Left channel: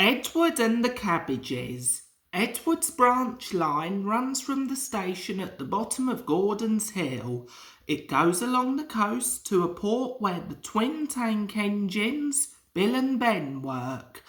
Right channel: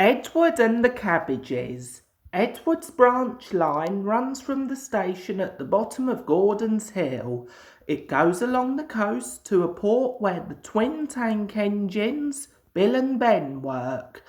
Edward and the Cabbages. Edward's branch line runs from the station at the bottom of Gordon's Hill. It goes along the coast to a port where the twin tank engines, Bill and Ben, work.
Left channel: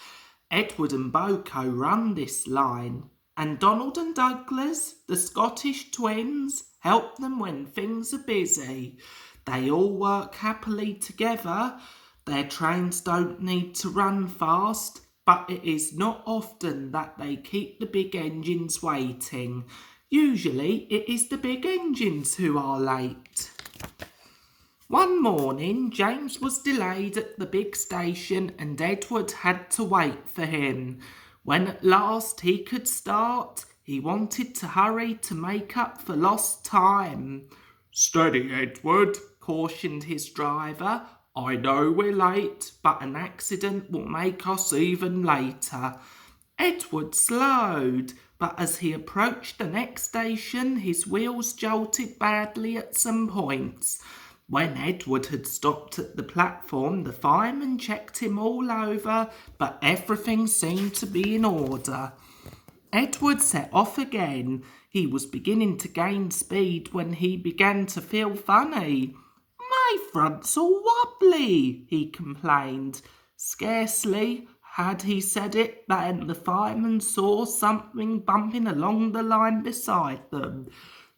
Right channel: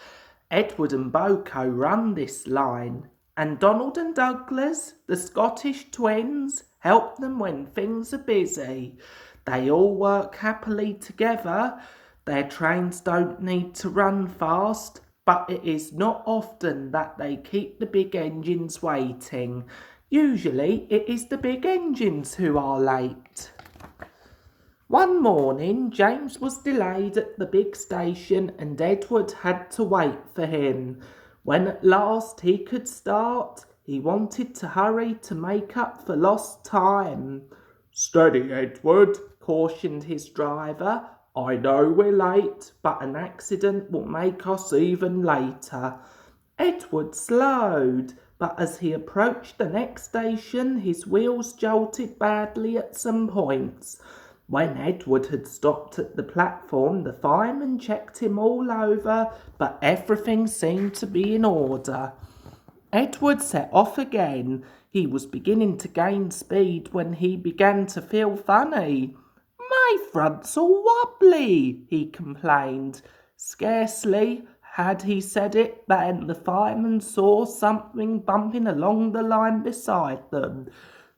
Edward and Boko run this line, and Donald and Douglas, the Scottish twins, help them when things are busy. They all work happily together. Their trains don't need to run fast, but it is not often that they keep the big engines waiting. Usually it is the big engines who are late. One morning, James was delayed at the big station and Edward had to wait for him. When at last he could start, he wanted to hurry to make up for lost time. "Steady, Edward," cautioned his driver. "I know we're late, but an accident will make us even later." Edward slowed, but as he approached the next station, his wheels jolted badly at some points. When Edward had stopped at the platform, the fireman checked him all over, but everything seemed to be in order. Edward set off again. He was beginning to gain speed when he began to feel funny. "My front's all wobbly," he complained. Scarcely had he said it than the fireman saw something bumping along the line beside them.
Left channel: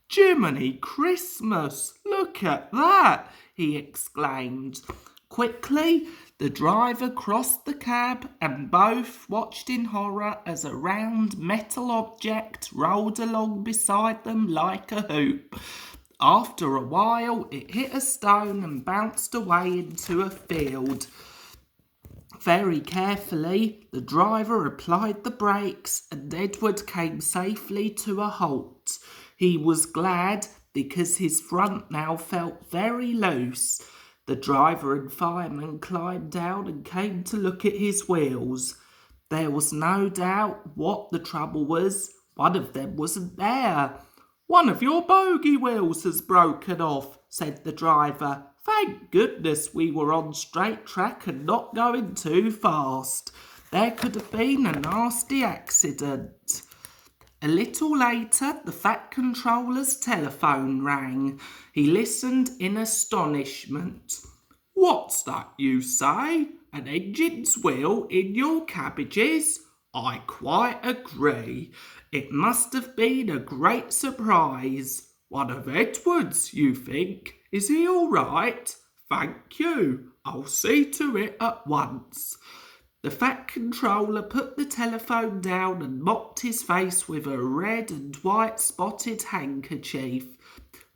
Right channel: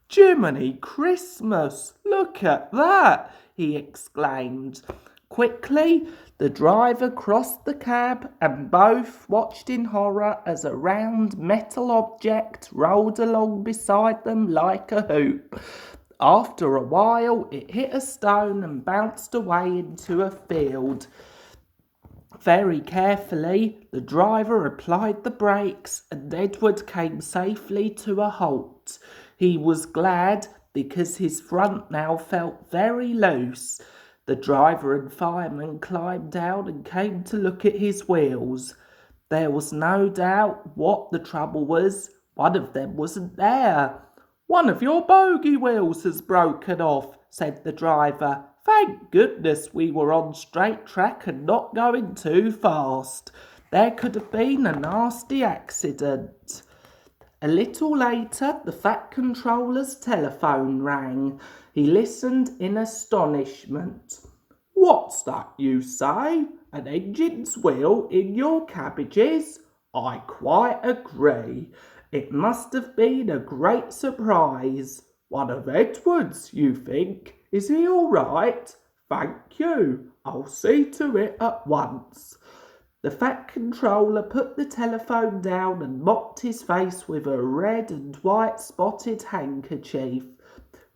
"Jiminy Christmas, look at that!" he exclaimed. Quickly, the driver crossed the cab and both watched in horror as a round metal object rolled along beside them like a hoop. After a while, it hit a stone and bounced away into a field. Very carefully, the driver applied the brakes and Edward came safely to a halt. He was glad because his front now felt very loose. The driver and fireman climbed down and came to look at his wheels. There was no doubt what the trouble was. One of them wasn't there. "One of your bogie wheels has broken off," said the driver. "Thank goodness we were on straight track and not going too fast. There could have been a nasty accident." A little later, the Fat Controller's telephone rang. He listened in astonishment. "What's that you say? An engine's wheel in your cabbages? I quite agree. It must have been a great surprise. One of Edward's, you think? Is he all right? Thank you. I'll see to it at once." The Fat Controller put the telephone down and mopped his face with a red and white spotted handkerchief.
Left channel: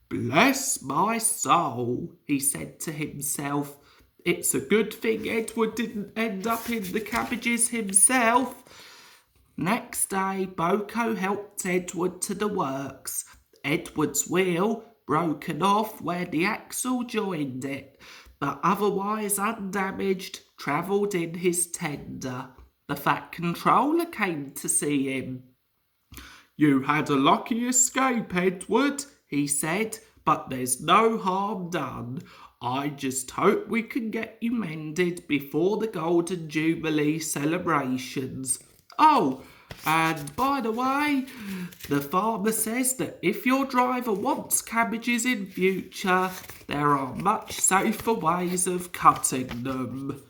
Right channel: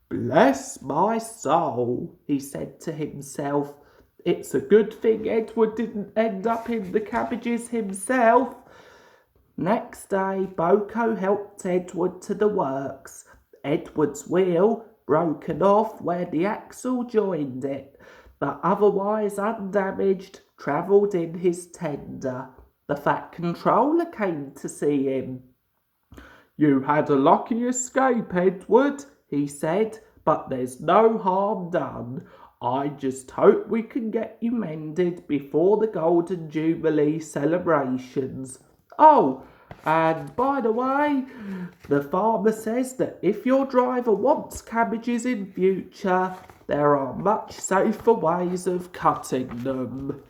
"Bless my soul," he said to himself. "It's a good thing Edward didn't end up in the cabbages himself." Next day, Boko helped Edward to the works. Edward's wheel, broken off where the axle joined it, but otherwise undamaged, travelled in his tender. The Fat Controller came to see him. "You had a lucky escape, Edward," he said, "but there's no harm done. I just hope we can get you mended before the Golden Jubilee celebrations. Oh, and by the way, the farmer says that if your driver wants cabbages in future, there are much safer ways of cutting them."